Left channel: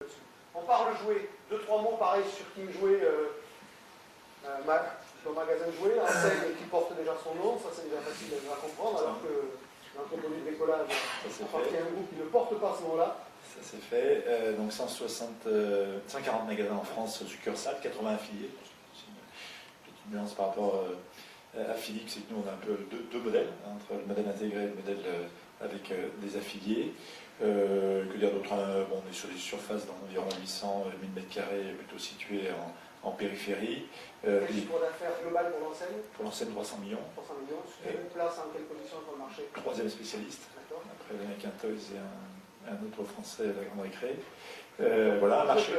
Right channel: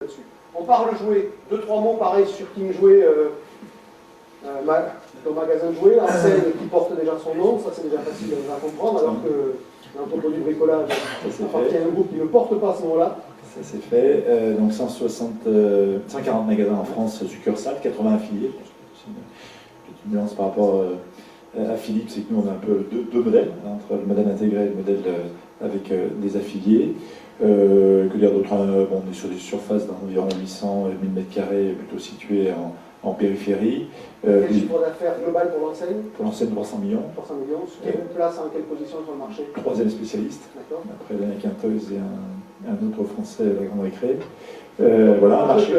là-dessus. On parle jouet, 2-3 mots pareil sur King Jouet, le magasin de jouets, enseigne qui porte déjà son nom, ça c'est déjà facile à comprendre, alors que l'entrepôt du bricolage appartient à un groupe qui ne porte pas ce nom-là. Ça c'est fait, donc 140 magasins en France, succursales, 80 affiliés. C'est une petite nuance par rapport à Philippe, c'est que nous on a un peu deux modèles, entre le modèle intégré et le modèle avec des affiliés. Que dire d'autre, bon, on est sur des surfaces d'environ 800 000 m², plutôt situées en périphérie. Quel chiffre d'affaires global pour l'enseigne? Pour l'enseigne, 300 millions. 300 millions. Quelle place, en quelle position sur le marché? Troisième spécialiste. Après, il y en a qu'un Toys et un autre français, la Grande Récré. Voilà, un marché.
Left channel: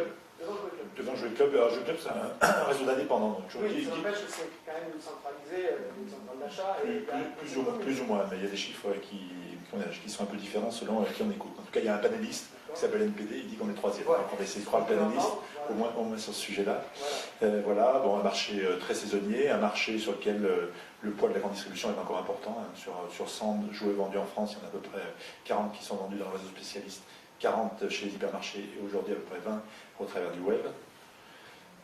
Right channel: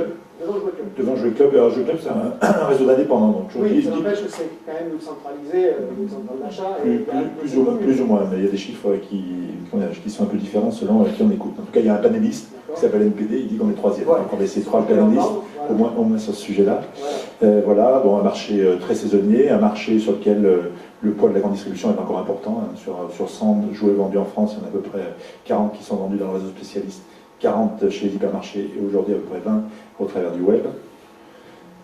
Devant Jouet Club. Alors, Jouet Club, c'est un réseau d'indépendants. Donc, oui, ça n'empêche que c'est quand même centralisé, une centrale d'achat. Plus ou moins, mais il y a des chiffres qui sont un peu différents selon qui on écoute. En tout cas, il y a un panéliste qui s'appelle NPD, il dit qu'on est troisième. Ouais. Donc, on va essayer de trouver un panéliste, voilà. au moins sur ce sujet-là. Voilà, bon, un marché très saisonnier, un marché sur lequel le poids de la grande distribution est encore important. Hein. Sur 100 jouets vendus en France, il y en a à peu près 40 qui sont vendus dans le réseau spécialiste, 40 chez les hypermarchés et aujourd'hui à peu près 20 au travers du web.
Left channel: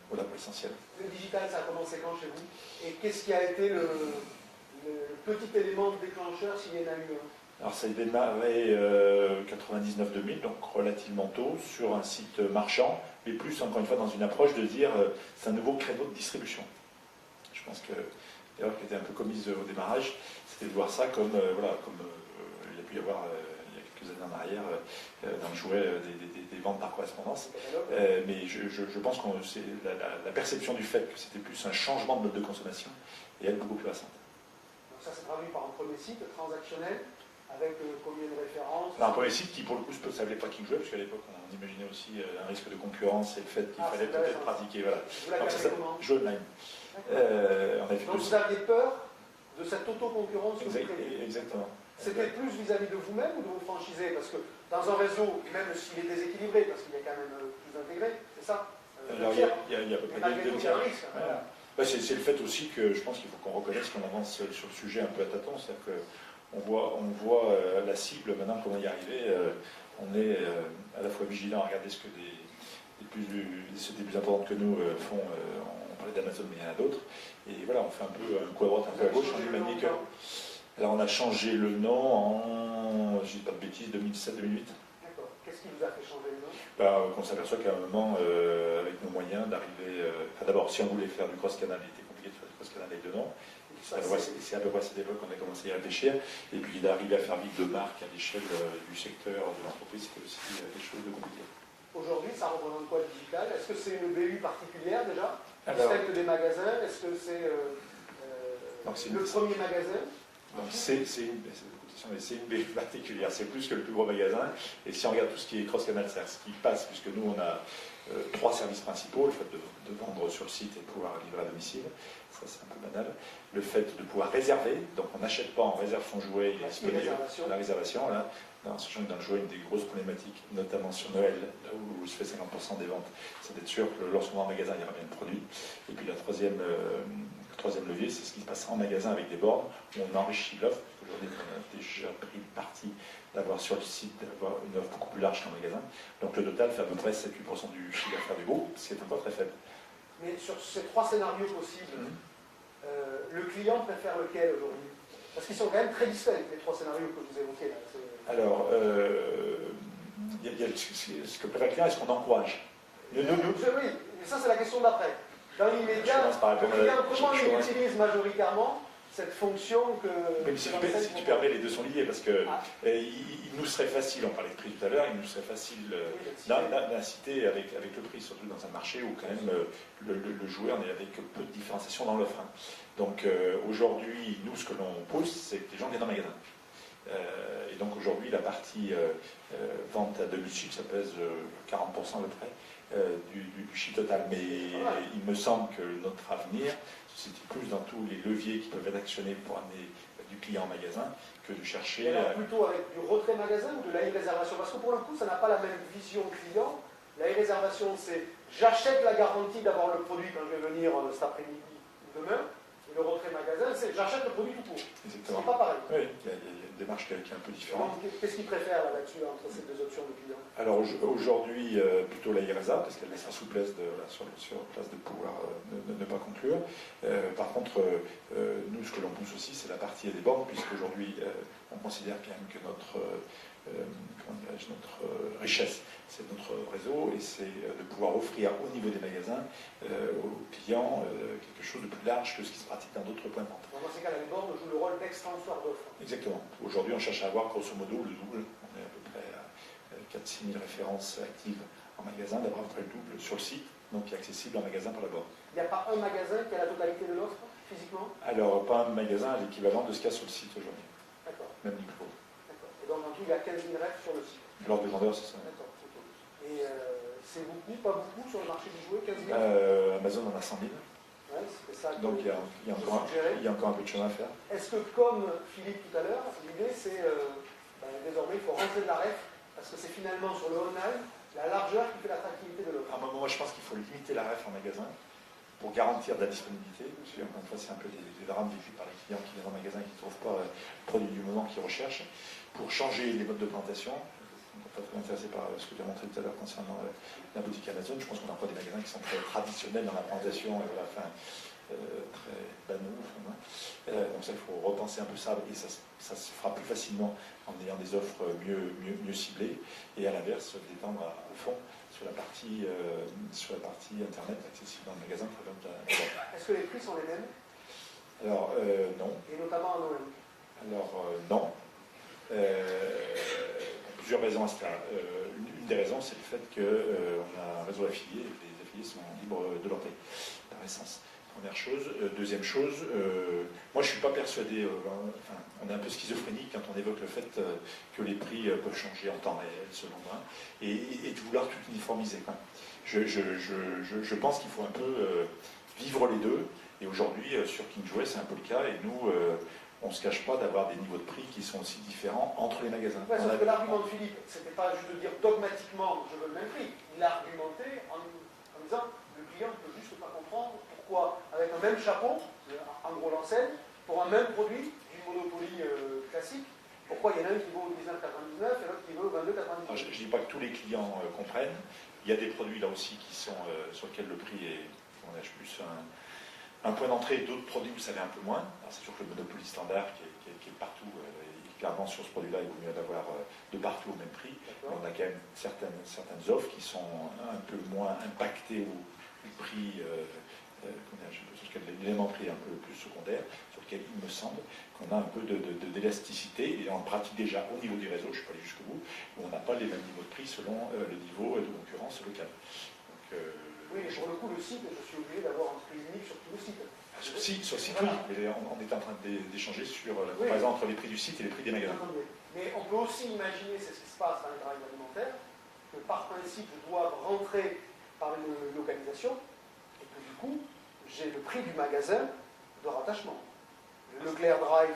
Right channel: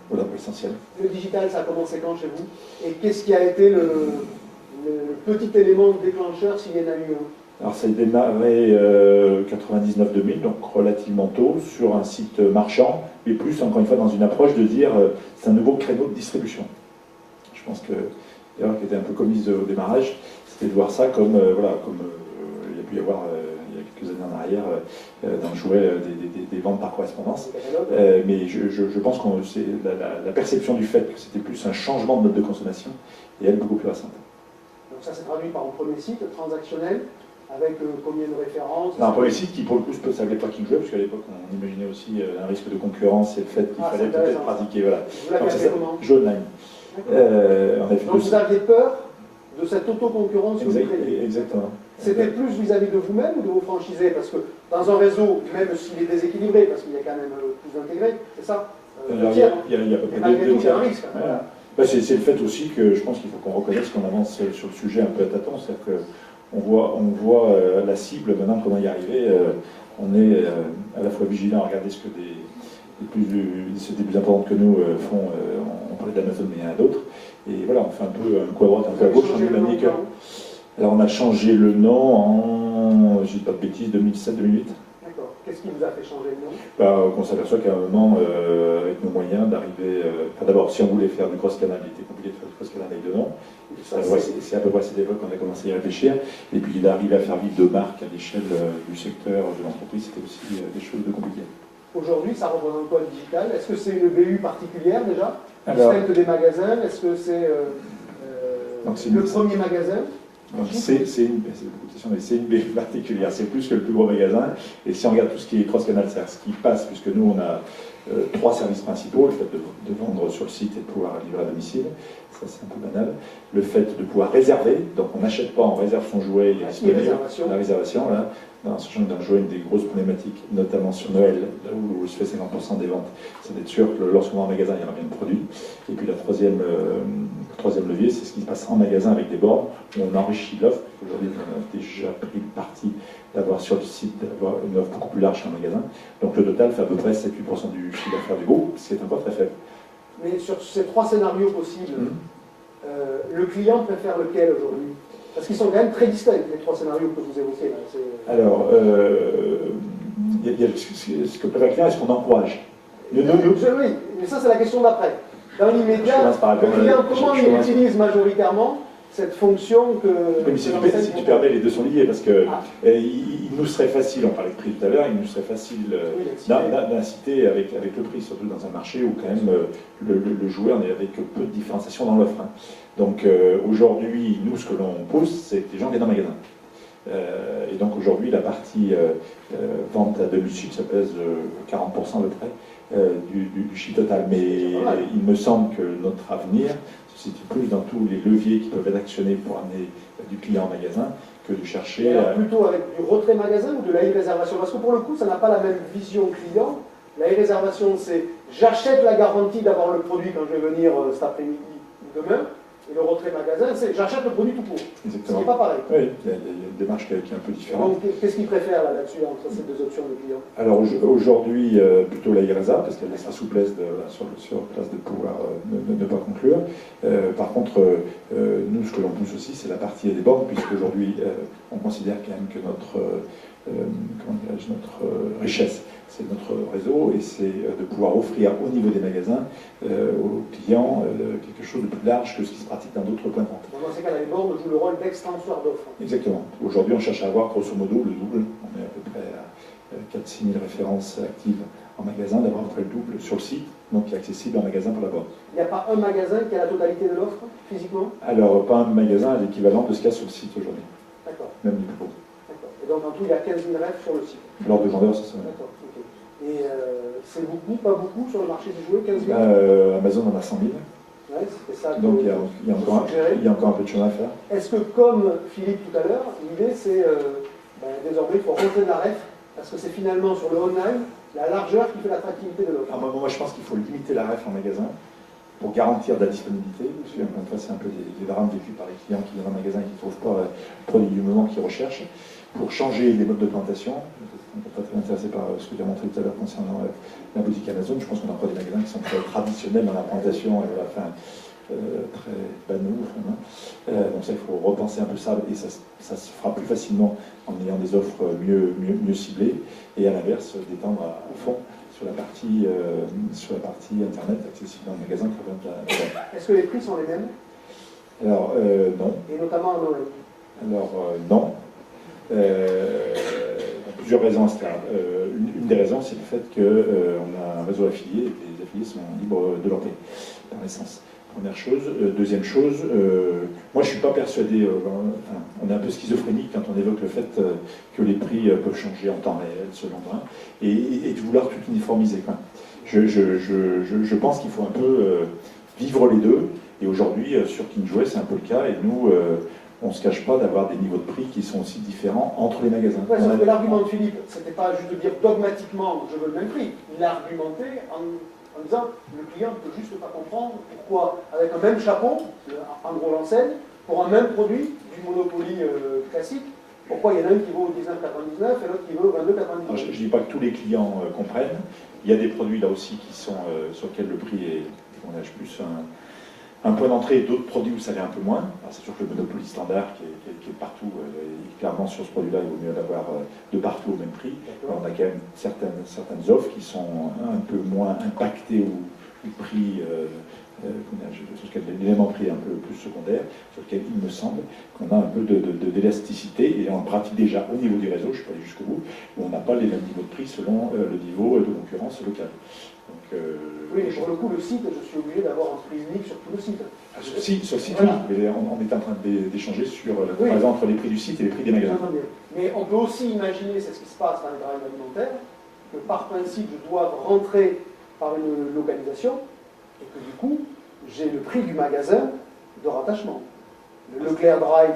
Voilà pour l'essentiel. Le digital, ça a commencé quand chez vous? Et qu'est-ce qui a été le petit élément déclencheur s'il y en a eu un? Alors ça a démarré 99-2000, donc relativement tôt, sur un site marchand, mais plus encore une fois dans une approche de dire c'est un nouveau créneau de distribution. Je pense que l'erreur qui était un peu commise au démarrage, c'était de voir ça comme, comme il y a pu y avoir il y a quelques années en arrière dans le jouet des ventes par correspondance. Mais je pense que c'est la perception du fait que c'était plus un changement de mode de consommation et elle beaucoup plus récente. Donc ça s'est traduit par un premier site transactionnel avec combien de références? Un premier site qui pour le coup ne s'appelait pas King Jouet, parce qu'à l'époque on imaginait aussi un risque de concurrence et le fait qu'il fallait peut-être pratiquer. Voilà. Vous l'avez appelé comment? Jouet Online. Donc vous aviez peur de cette autoconcurrence? Exactement. C'était plus vis-à-vis de vous-même ou de vos franchisés? Parce que dans un réseau, même s'il est déséquilibré, parce qu'il y a quand même plus intégré, c'est ça? Il y a à peu près deux tiers. Un risque. Voilà. C'est le fait aussi que je pense qu'il faut qu'on reconnaisse qu'on avance sur le sujet un peu à tâtons. C'est-à-dire qu'on voit la cible, maintenant qu'on va y arriver, on est à la fois vigilant à regarder ce que des sociétés plus importantes que nous font. On parlait d'Amazon, mais il y en a d'autres. Et voilà, on fait un peu un coup à droite, un peu à gauche. Alors on a changé le nom en, je ne dis pas de bêtises, 2007-2008. D'accord. Qu'est-ce qui vous a fait changer le nom? On s'aperçoit qu'à un moment, avec nos moyens, d'arriver... d'abord, si on voulait faire du cross-canal, il était compliqué de faire du cross-canal avec deux noms. C'est à peu près à cette époque qu'on a commencé à y réfléchir. Et puis d'arriver à faire vivre deux marques à l'échelle du secteur, de l'entreprise, c'était aussi quelque chose de compliqué. Aujourd'hui, ça représente quoi le digital? Est-ce que c'est une BU particulière déjà? Distincte des magasins? Est-ce que c'est le premier magasin? C'est une BU particulière, c'est plus que le plus gros magasin. Et si on regarde tout ce qui est cross-canal, c'est-à-dire ce qui passe, puisque nous on a 3 services principaux, le fait de vendre sur le site et de pouvoir livrer à domicile, ça c'est un peu banal. Le fait de pouvoir réserver, donc on n'achète pas, on réserve son jouet, il est disponible, la réservation, voilà. Sachant que dans le jouet, une des grosses problématiques, notamment sur Noël, là où je fais 50% des ventes, c'est d'être sûr que lorsqu'on va en magasin, il y aura bien le produit. Et puis le troisième levier, c'est ce qui se passe en magasin avec des bornes, où on enrichit l'offre. Aujourd'hui, on a déjà pris le parti d'avoir sur le site une offre beaucoup plus large qu'un magasin. Donc le total fait à peu près 7-8% du chiffre d'affaires du groupe, ce qui est encore très faible. Mais sur ces 3 scénarios possibles, le client préfère lequel aujourd'hui? Parce qu'ils sont quand même très distincts, les 3 scénarios que vous évoquez. Là. Alors, il y a ce que préfère le client et ce qu'on encourage. Oui, mais ça c'est la question d'après. Dans l'immédiat, le client, comment il utilise majoritairement cette fonction que... Mais si tu permets, les deux sont liés, parce que il nous serait facile, on parlait de prix tout à l'heure, il nous serait facile d'inciter avec le prix, surtout dans un marché où quand même le joueur n'est avec peu de différenciation dans l'offre. Hein. Donc aujourd'hui, nous, ce que l'on pousse, c'est que les gens viennent en magasin. Et donc aujourd'hui, la partie vente à domicile, ça pèse 40% à peu près du chiffre total. Mais il me semble que notre avenir se situe plus dans tous les leviers qui peuvent être actionnés pour amener du client en magasin que de chercher... Alors plutôt avec du retrait magasin ou de la e-réservation? Parce que pour le coup, ça n'a pas la même vision client. La e-réservation, c'est j'achète la garantie d'avoir le produit quand je vais venir cet après-midi ou demain. Et le retrait magasin, c'est j'achète le produit tout court. Exactement. C'est pas pareil. Oui, il y a une démarche qui est un peu différente. Donc, qu'est-ce qu'ils préfèrent là-dessus entre ces deux options de clients? Alors aujourd'hui, plutôt la IRESA, parce qu'elle laisse la souplesse sur place de pouvoir ne pas conclure. Par contre, nous, ce que l'on pousse aussi, c'est la partie des bornes, puisqu'aujourd'hui, on considère quand même que notre richesse, c'est notre réseau, et c'est de pouvoir offrir au niveau des magasins aux clients quelque chose de plus large que ce qui se pratique dans d'autres points de vente. Dans ces cas-là, les bornes jouent le rôle d'extenseur d'offres. Exactement. Aujourd'hui, on cherche à avoir grosso modo le double. On est à peu près à 4-6 000 références actives en magasin, d'avoir à peu près le double sur le site, donc qui est accessible en magasin par la borne. Il n'y a pas un magasin qui a la totalité de l'offre, physiquement? Alors, pas un magasin à l'équivalent de ce qu'il y a sur le site aujourd'hui. D'accord. Même niveau. D'accord. Et donc, en tout, il y a 15 000 rêves sur le site. L'ordre de grandeur, c'est ça. D'accord. Ok. Et c'est beaucoup, pas beaucoup sur le marché du jouet, 15 000? Amazon en a 100 000. Ouais, c'était ça. Donc, il y a encore un peu de chemin à faire. Est-ce que, comme Philippe tout à l'heure, l'idée c'est désormais il faut rentrer de la ref, parce que c'est finalement sur le online la largeur qui fait l'attractivité de l'offre. Moi, je pense qu'il faut limiter la ref en magasin pour garantir de la disponibilité. Parce que, encore une fois, c'est un peu des drames vécus par les clients qui viennent en magasin et qui ne trouvent pas le produit du moment qu'ils recherchent. Pour changer les modes de plantation, on n'est pas très intéressé par ce que tu as montré tout à l'heure concernant la boutique Amazon. Je pense qu'on a encore des magasins qui sont très traditionnels dans la plantation et à la fin très banaux. Donc ça, il faut repenser un peu ça, et ça se fera plus facilement en ayant des offres mieux ciblées, et à l'inverse, d'étendre à fond sur la partie internet accessible dans le magasin. Est-ce que les prix sont les mêmes? Alors, non. Et notamment en Noël? Alors, non. Plusieurs raisons à cela. Une des raisons, c'est le fait qu'on a un réseau affilié, et les affiliés sont libres de leur paix, par essence. Première chose. Deuxième chose, moi je ne suis pas persuadé, on est un peu schizophrénique quand on évoque le fait que les prix peuvent changer en temps réel, selon moi, et de vouloir tout uniformiser. Je pense qu'il faut un peu vivre les deux, et aujourd'hui, sur King Jouet, c'est un peu le cas, et nous, on ne se cache pas d'avoir des niveaux de prix qui sont aussi différents entre les magasins. Ouais, sauf que l'argument de Philippe, c'était pas juste de dire dogmatiquement je veux le même prix. Il a argumenté en disant le client ne peut juste pas comprendre pourquoi, avec un même chapeau, en gros l'enseigne, pour un même produit du Monopoly classique, pourquoi il y en a un qui vaut 19,99 et l'autre qui vaut 22,99. Je ne dis pas que tous les clients comprennent. Il y a des produits là aussi qui sont sur lesquels le prix est, on a plus un point d'entrée, et d'autres produits où ça l'est un peu moins. C'est sûr que le Monopoly standard qui est partout, clairement sur ce produit-là, il vaut mieux l'avoir de partout au même prix. Mais on a quand même certaines offres qui sont un peu moins impactées ou prix, sur lequel l'élément prix est un peu plus secondaire, sur lequel il me semble qu'on a un peu d'élasticité, et on le pratique déjà au niveau du réseau, je ne suis pas allé jusqu'au bout, où on n'a pas les mêmes niveaux de prix selon le niveau de concurrence locale. Oui, mais pour le coup, le site, je suis obligé d'avoir un prix unique sur tout le site. Sur le site, oui, mais on est en train d'échanger sur la comparaison entre les prix du site et les prix des magasins. Mais on peut aussi imaginer, c'est ce qui se passe dans les barèmes alimentaires, que par principe, je dois rentrer par une localisation, et que du coup, j'ai le prix du magasin de rattachement. Le Leclerc Drive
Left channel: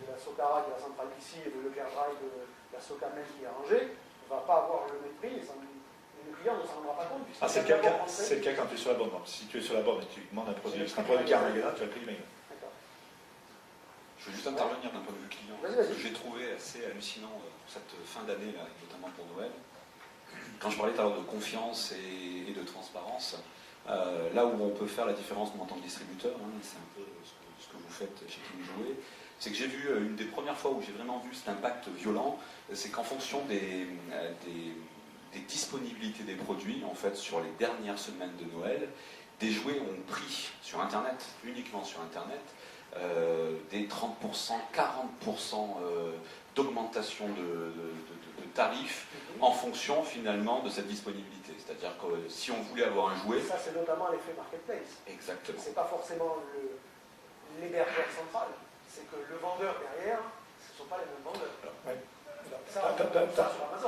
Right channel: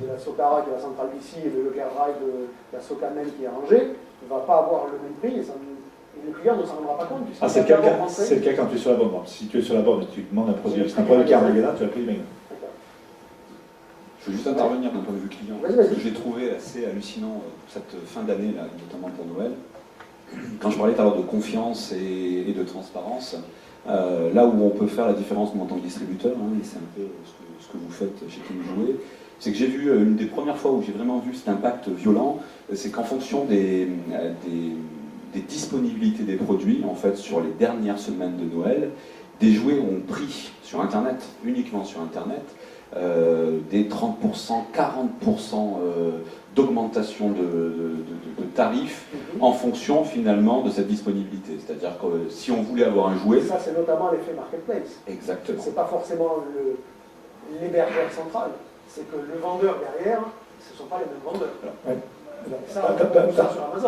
de la Socara, qui est la centrale d'ici, et le Leclerc Drive de la Socamen, qui est à Angers, ne va pas avoir le même prix, et le client ne s'en rendra pas compte. C'est le cas quand tu es sur la borne. Si tu es sur la borne et tu demandes un produit qui est en magasin, tu as le prix du magasin. Je veux juste intervenir d'un point de vue client. Ce que j'ai trouvé assez hallucinant pour cette fin d'année, notamment pour Noël, quand je parlais tout à l'heure de confiance et de transparence, là où on peut faire la différence en tant que distributeur, et c'est un peu ce que vous faites chez King Jouet, c'est que j'ai vu, une des premières fois où j'ai vraiment vu cet impact violent, c'est qu'en fonction des disponibilités des produits, en fait, sur les dernières semaines de Noël, des jouets ont pris sur Internet, uniquement sur Internet, des 30%, 40% d'augmentation de tarifs en fonction finalement de cette disponibilité. C'est-à-dire que si on voulait avoir un jouet... Ça, c'est notamment l'effet marketplace. Exactement. C'est pas forcément l'hébergeur central, c'est que le vendeur derrière, ce ne sont pas les mêmes vendeurs.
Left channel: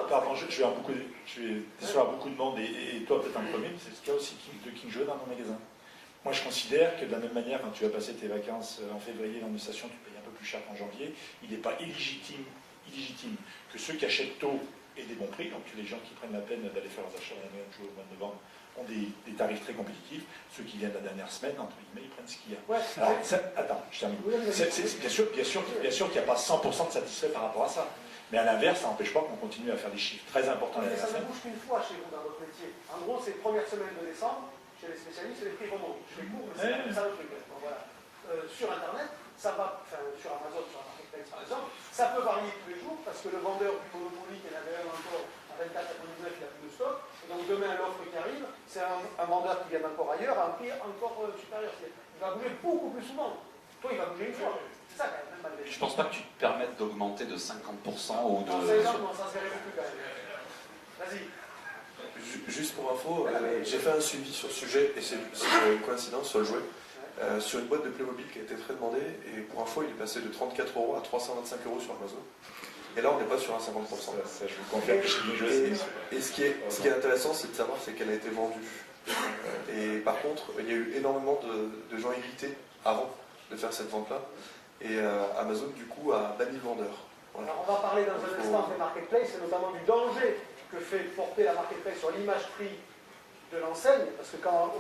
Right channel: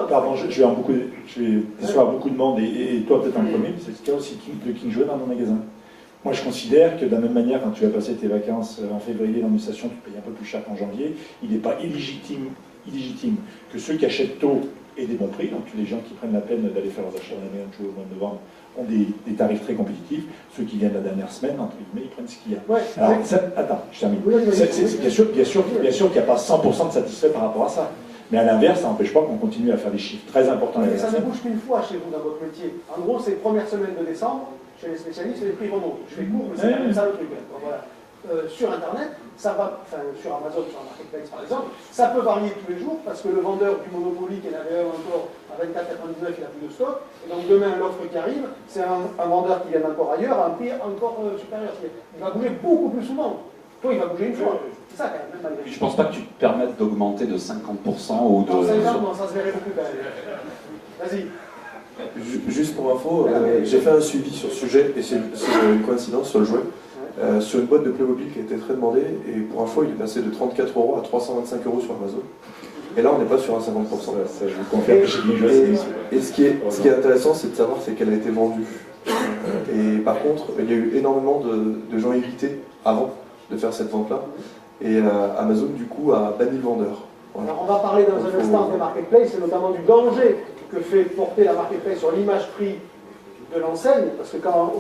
Pardon, je vais décevoir beaucoup de monde, et toi peut-être en premier, mais c'est ce cas aussi de King Jouet dans nos magasins. Moi je considère que de la même manière, quand tu vas passer tes vacances en février dans une station, tu payes un peu plus cher qu'en janvier, il n'est pas illégitime que ceux qui achètent tôt et des bons prix. Donc les gens qui prennent la peine d'aller faire leurs achats dans la moyenne au mois de novembre ont des tarifs très compétitifs. Ceux qui viennent la dernière semaine, entre guillemets, ils prennent ce qu'il y a. Ouais, alors, attends, je termine. Bien sûr qu'il n'y a pas 100% de satisfait par rapport à ça. Mais à l'inverse, ça n'empêche pas qu'on continue à faire des chiffres très importants. Mais ça ne bouge qu'une fois chez vous dans votre métier. En gros, c'est première semaine de décembre, chez les spécialistes, les prix remontent. Je fais court, mais c'est quand même ça le truc. Donc, voilà. Sur Internet, ça va, enfin sur Amazon, sur un marketplace par exemple, ça peut varier tous les jours parce que le vendeur du Monopoly qui en avait un encore à 24,99, il n'a plus de stock. Et donc demain, l'offre qui arrive, c'est un vendeur qui vient encore ailleurs à un prix encore supérieur. Il va bouger beaucoup plus souvent. Toi, il va bouger une fois. C'est ça quand même, malgré tout. Je pense pas que tu te permettes d'augmenter de 50% ou de... Non, 50, non, ça se verrait beaucoup quand même. Vas-y. Juste pour info, j'ai fait un suivi sur ce sujet, et c'est une coïncidence sur le jouet. Sur une boîte de Playmobil qui a été très demandée, et pour info, il est passé de 34 € à 325 € sur Amazon. Et là, on n'est pas sur un 50%. Ça, je vous confirme que chez Binge, et ce qui est intéressant, c'est de savoir qu'elle a été vendue. Et par contre, il y a eu énormément de gens irrités avant de faire cette vente-là. Et Amazon, du coup, a banni le vendeur. Voilà. Alors, on va parler dans un instant des marketplaces, et notamment du danger que fait porter la marketplace sur l'image prix de l'enseigne, parce que quand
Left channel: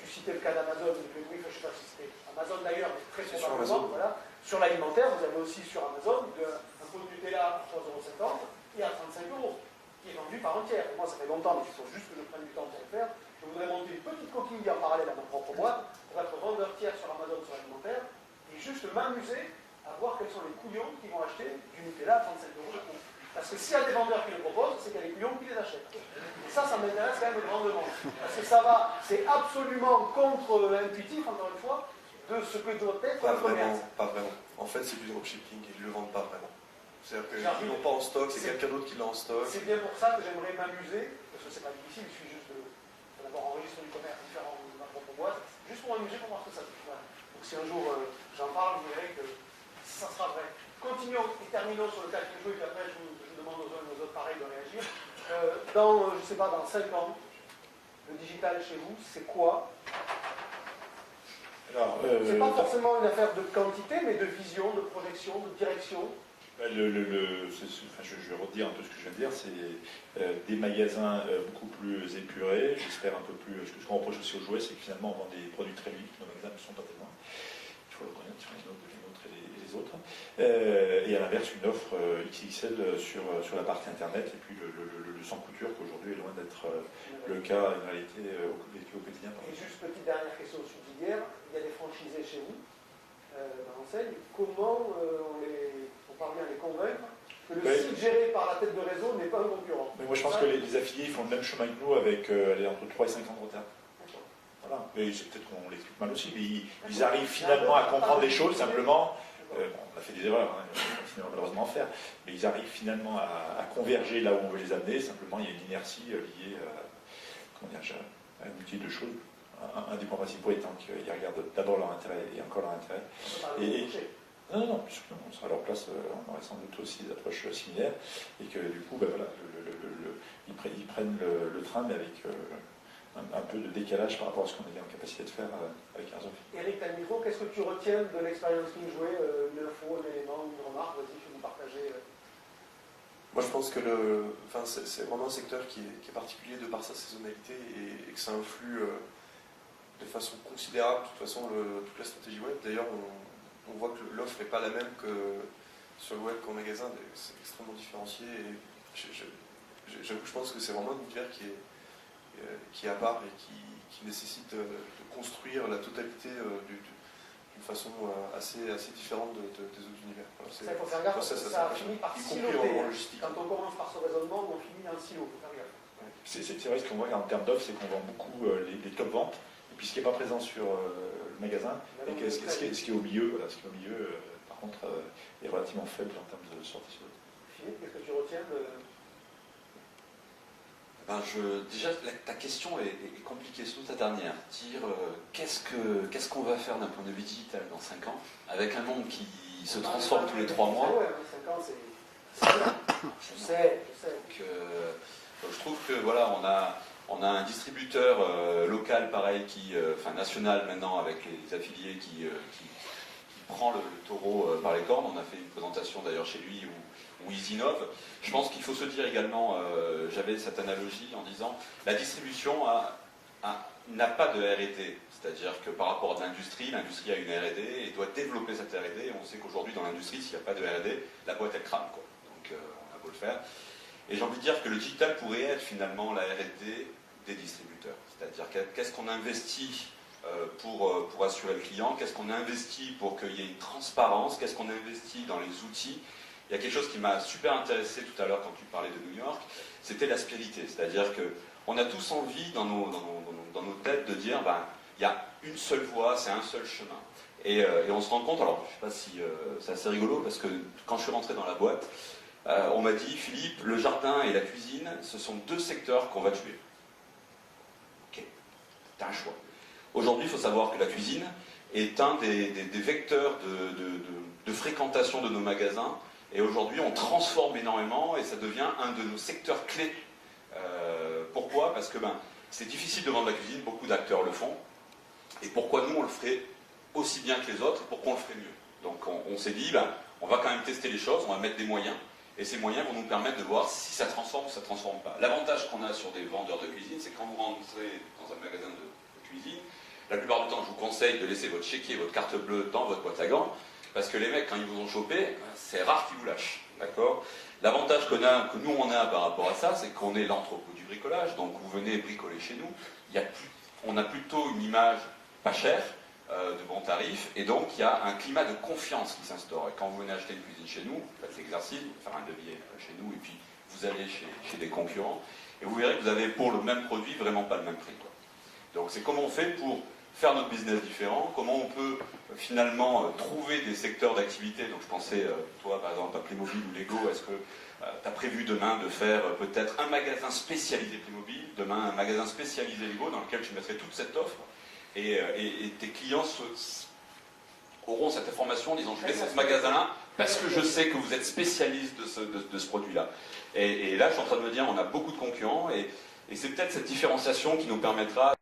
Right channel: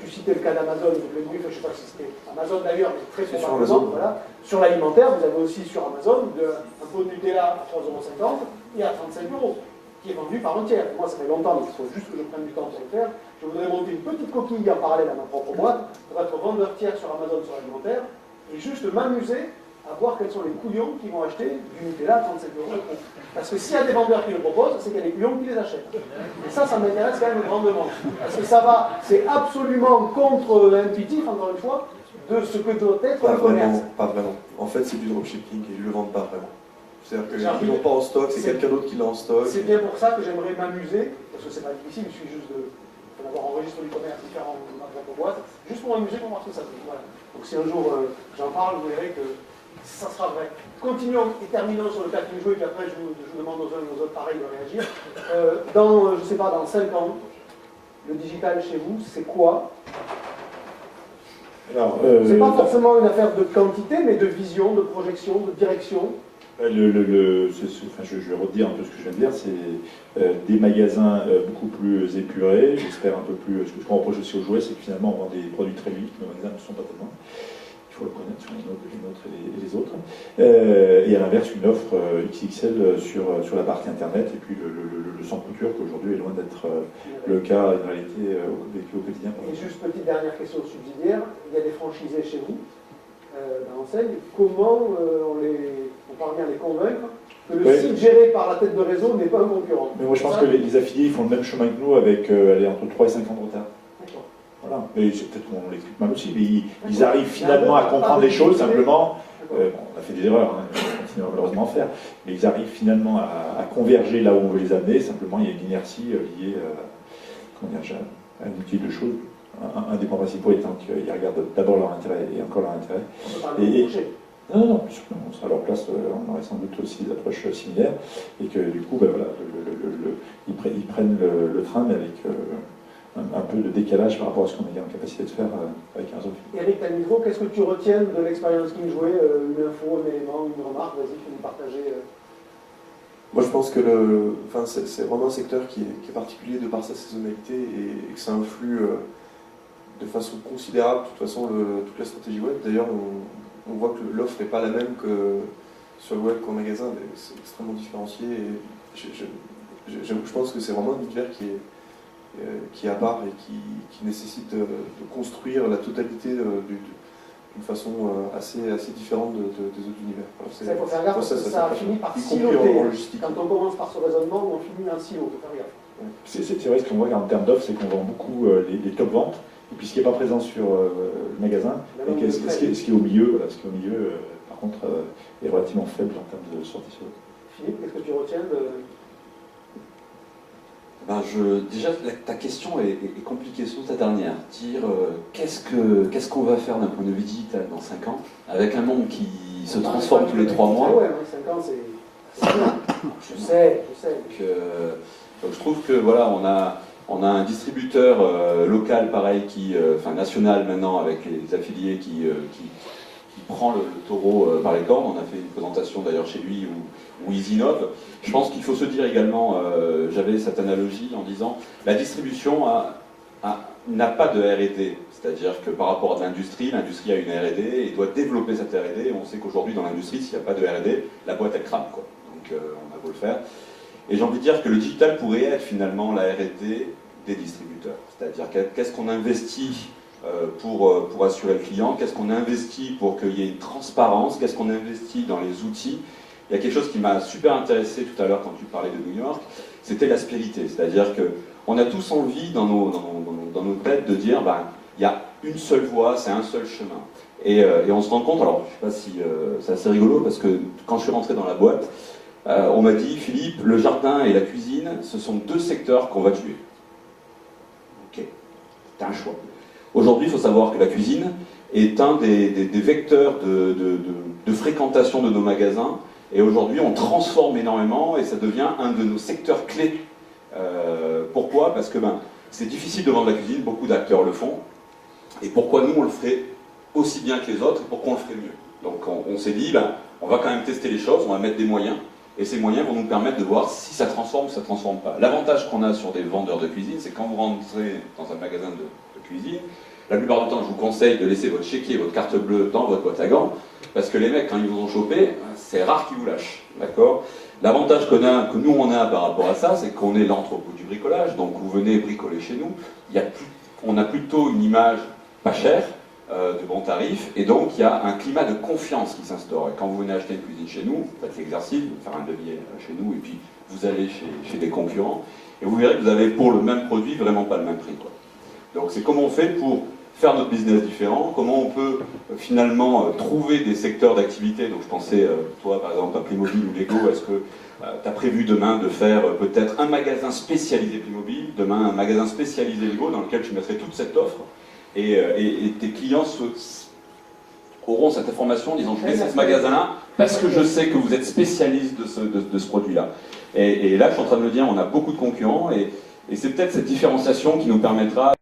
tu citais le cas d'Amazon, le brief, je ne sais pas si c'était Amazon d'ailleurs, mais très probablement, voilà. Sur l'alimentaire, vous avez aussi sur Amazon un pot de Nutella à 3,50 € et à 35 €, qui est vendu par entière. Moi, ça fait longtemps, mais il faut juste que je prenne du temps pour le faire. Je voudrais monter une petite coquille en parallèle à ma propre boîte, pour être vendeur tiers sur Amazon sur l'alimentaire, et juste m'amuser à voir quels sont les couillons qui vont acheter du Nutella à 35 €. Parce que s'il y a des vendeurs qui le proposent, c'est qu'il y a des couillons qui les achètent. Et ça m'intéresse quand même grandement. Parce que c'est absolument contre-intuitif, encore une fois, de ce que doit être un commerce. Pas vraiment. En fait, c'est du dropshipping et ils ne le vendent pas vraiment. C'est-à-dire qu'ils n'ont pas en stock, c'est quelqu'un d'autre qui l'a en stock. C'est bien pour ça que j'aimerais m'amuser, parce que c'est pas difficile, il suffit juste d'avoir un registre du commerce différent de ma propre boîte, juste pour m'amuser, pour voir ce que ça donne. Voilà. Donc si un jour j'en parle, vous verrez que ça sera vrai. Continuons et terminons sur le cas qui joue, et puis après je vous demande aux uns et aux autres pareil de réagir. Je sais pas, dans 5 ans, le digital chez vous, c'est quoi? C'est pas forcément une affaire de quantité, mais de vision, de projection, de direction. Je vais redire un peu ce que je viens de dire, c'est des magasins beaucoup plus épurés, j'espère un peu plus. Ce qu'on reproche aussi aux jouets, c'est que finalement on vend des produits très vite, nos magasins ne sont pas tellement. Il faut le connaître sur les nôtres et les autres. Et à l'inverse, une offre XXL sur la partie internet, et puis le sans couture, qu'aujourd'hui est loin d'être le cas, une réalité au quotidien. Et juste petite dernière question subsidiaire, il y a des franchisés chez vous, dans l'enseigne, comment on parvient à les convaincre que le site géré par la tête de réseau n'est pas un concurrent? Mais moi je pense que les affiliés ils font le même chemin que nous avec entre 3 et 5 ans de retard. Voilà. Mais c'est peut-être qu'on l'explique mal aussi, mais ils arrivent finalement à comprendre les choses simplement. On a fait des erreurs, on continue malheureusement à faire, mais ils arrivent finalement à converger là où on veut les amener. Simplement, il y a une inertie liée à un outil de choses. Un des points principaux étant qu'ils regardent d'abord leur intérêt et encore leur intérêt. Non, bien sûr, on sera à leur place, on aurait sans doute aussi des approches similaires, et que du coup, ils prennent le train, mais avec un peu de décalage par rapport à ce qu'on est en capacité de faire avec un autre. Eric Lamidro, qu'est-ce que tu retiens de l'expérience King Jouet? Une info, un élément, une remarque? Vas-y, fais-nous partager. Moi, je pense que c'est vraiment un secteur qui est particulier de par sa saisonnalité et que ça influe de façon considérable, de toute façon, toute la stratégie web. D'ailleurs, on voit que l'offre n'est pas la même que sur le web qu'en magasin. C'est extrêmement différencié. Et je pense que c'est vraiment un univers qui est à part et qui nécessite de construire la totalité d'une façon assez différente des autres univers. Il faut faire gaffe parce que ça finit par siloter. Quand on commence par ce raisonnement, on finit en silo, il faut faire gaffe. C'est vrai, ce qu'on voit en termes d'offres, c'est qu'on vend beaucoup les top ventes, et puis ce qui n'est pas présent sur le magasin, et ce qui est au milieu, par contre, est relativement faible en termes de sortie sur l'autre. Philippe, qu'est-ce que tu retiens de... Déjà, ta question est compliquée, surtout ta dernière. Dire qu'est-ce qu'on va faire d'un point de vue digital dans 5 ans, avec un monde qui se transforme tous les 3 mois. Ouais, 5 ans, c'est bien. Je sais. Donc je trouve que voilà, on a un distributeur local pareil, national maintenant, avec les affiliés qui prend le taureau par les cornes. On a fait une présentation d'ailleurs chez lui où ils innovent. Je pense qu'il faut se dire également, j'avais cette analogie en disant, la distribution n'a pas de R&D. C'est-à-dire que par rapport à l'industrie a une R&D et doit développer cette R&D. Et on sait qu'aujourd'hui, dans l'industrie, s'il n'y a pas de R&D, la boîte, elle crame, quoi. Donc, on a beau le faire. Et j'ai envie de dire que le digital pourrait être finalement la R&D des distributeurs. C'est-à-dire qu'est-ce qu'on investit pour assurer le client, qu'est-ce qu'on investit pour qu'il y ait une transparence, qu'est-ce qu'on investit dans les outils. Il y a quelque chose qui m'a super intéressé tout à l'heure quand tu parlais de New York, c'était l'aspérité. C'est-à-dire qu'on a tous envie dans nos têtes de dire il y a une seule voie, c'est un seul chemin. Et on se rend compte, alors je ne sais pas si c'est assez rigolo, parce que quand je suis rentré dans la boîte, on m'a dit, Philippe, le jardin et la cuisine, ce sont deux secteurs qu'on va tuer. Ok, t'as un choix. Aujourd'hui, il faut savoir que la cuisine est un des vecteurs de fréquentation de nos magasins, et aujourd'hui, on transforme énormément, et ça devient un de nos secteurs clés. Pourquoi ? Parce que c'est difficile de vendre la cuisine, beaucoup d'acteurs le font, et pourquoi nous, on le ferait aussi bien que les autres, et pourquoi on le ferait mieux. Donc on s'est dit, on va quand même tester les choses, on va mettre des moyens, et ces moyens vont nous permettre de voir si ça transforme ou ça ne transforme pas. L'avantage qu'on a sur des vendeurs de cuisine, c'est quand vous rentrez dans un magasin de cuisine, la plupart du temps, je vous conseille de laisser votre chéquier, votre carte bleue dans votre boîte à gants, parce que les mecs, quand ils vous ont chopé, c'est rare qu'ils vous lâchent. D'accord ? L'avantage que nous on a par rapport à ça, c'est qu'on est l'entrepôt du bricolage, donc vous venez bricoler chez nous, on a plutôt une image pas chère, de bons tarifs, et donc il y a un climat de confiance qui s'instaure. Et quand vous venez acheter une cuisine chez nous, vous faites l'exercice, vous faire un devis chez nous, et puis vous allez chez des concurrents, et vous verrez que vous avez pour le même produit vraiment pas le même prix, quoi. Donc c'est comment on fait pour faire notre business différent, comment on peut finalement trouver des secteurs d'activité. Donc je pensais, toi par exemple à Playmobil ou Lego, est-ce que tu as prévu demain de faire peut-être un magasin spécialisé Playmobil, demain un magasin spécialisé Lego dans lequel tu mettrais toute cette offre, et tes clients auront cette information en disant je vais dans ce magasin-là parce que je sais que vous êtes spécialiste de ce produit-là. Et là je suis en train de me dire on a beaucoup de concurrents, et c'est peut-être cette différenciation qui nous permettra